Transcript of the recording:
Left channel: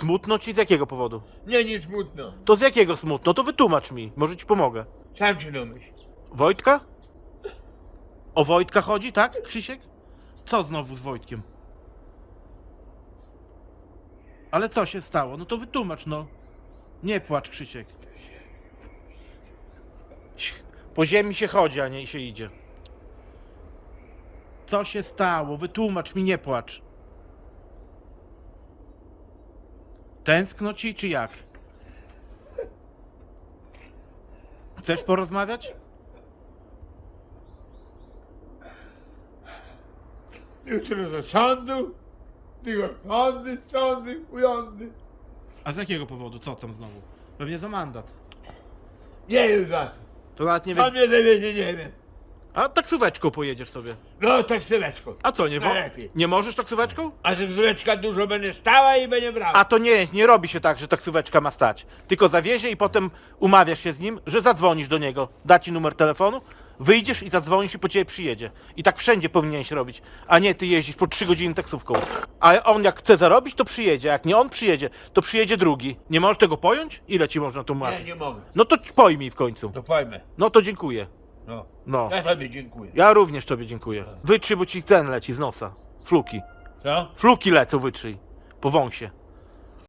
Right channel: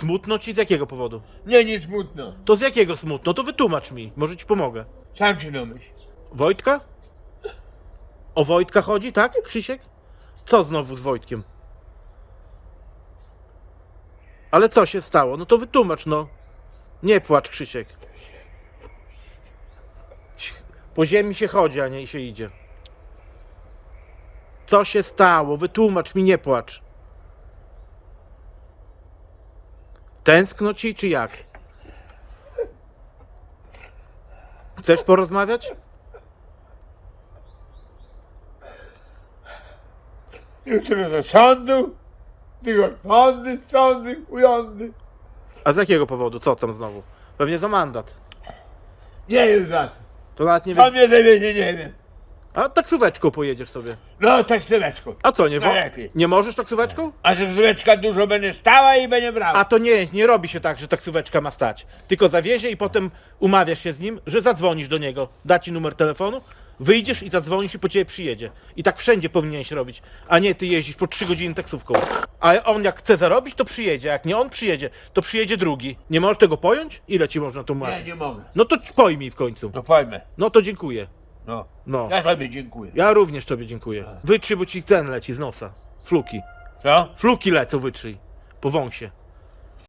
Smutno ci z jakiego powodu? Nie, nie smutno. To z jakiego smutno? To wytłumacz mi, może ci pomogę. Sam się domyśl. Wojtka? O Wojtka chodzi, tak, Krzysiek? Co znowu z Wojtkiem? Ale co się stało? No to wytłumacz, no. Nie płacz, Krzysiek. Po ziemi się chodzi, a nie się idzie. Co się stało? Wytłumacz mi, nie płacz. Tęskno ci, czy jak? Chcesz porozmawiać? Jutro do sądu. Tylko sądy, ujądy. A z jakiego powodu? Co tam znowu? Pewnie za mandat. Nie wiem za co. To nawet nie Pan wiem. mnie zawiezie, nie wiem. A taksóweczką pojedziesz sobie. No, tak styleczko. A co, nie wo- Najlepiej. Nie możesz taksóweczką? A styleczka dużo będzie stała i będzie brała. A to nie, nie robi się tak, że taksóweczka ma stać. Tylko zawiezie i potem umawiasz się z nim, że zadzwonisz do niego, da ci numer telefonu, wyjdziesz i zadzwonisz i po ciebie przyjedzie. I tak wszędzie powinieneś robić, a nie ty jeździsz po 3 godziny taksówką. A on jak chce zarobić, to przyjedzie, jak nie on przyjedzie, to przyjedzie drugi. Nie możesz tego pojąć? Ile ci można Nie, tłumaczyć? nie mogę. No to pojmij w końcu. To pojmę. No to dziękuję. No. No. Ja sobie dziękuję. Ja również tobie dziękuję. Wytrzyj, bo ci ten leci z nosa. Fluki. Co? Fluki lecą, wytrzyj. Po wąsie.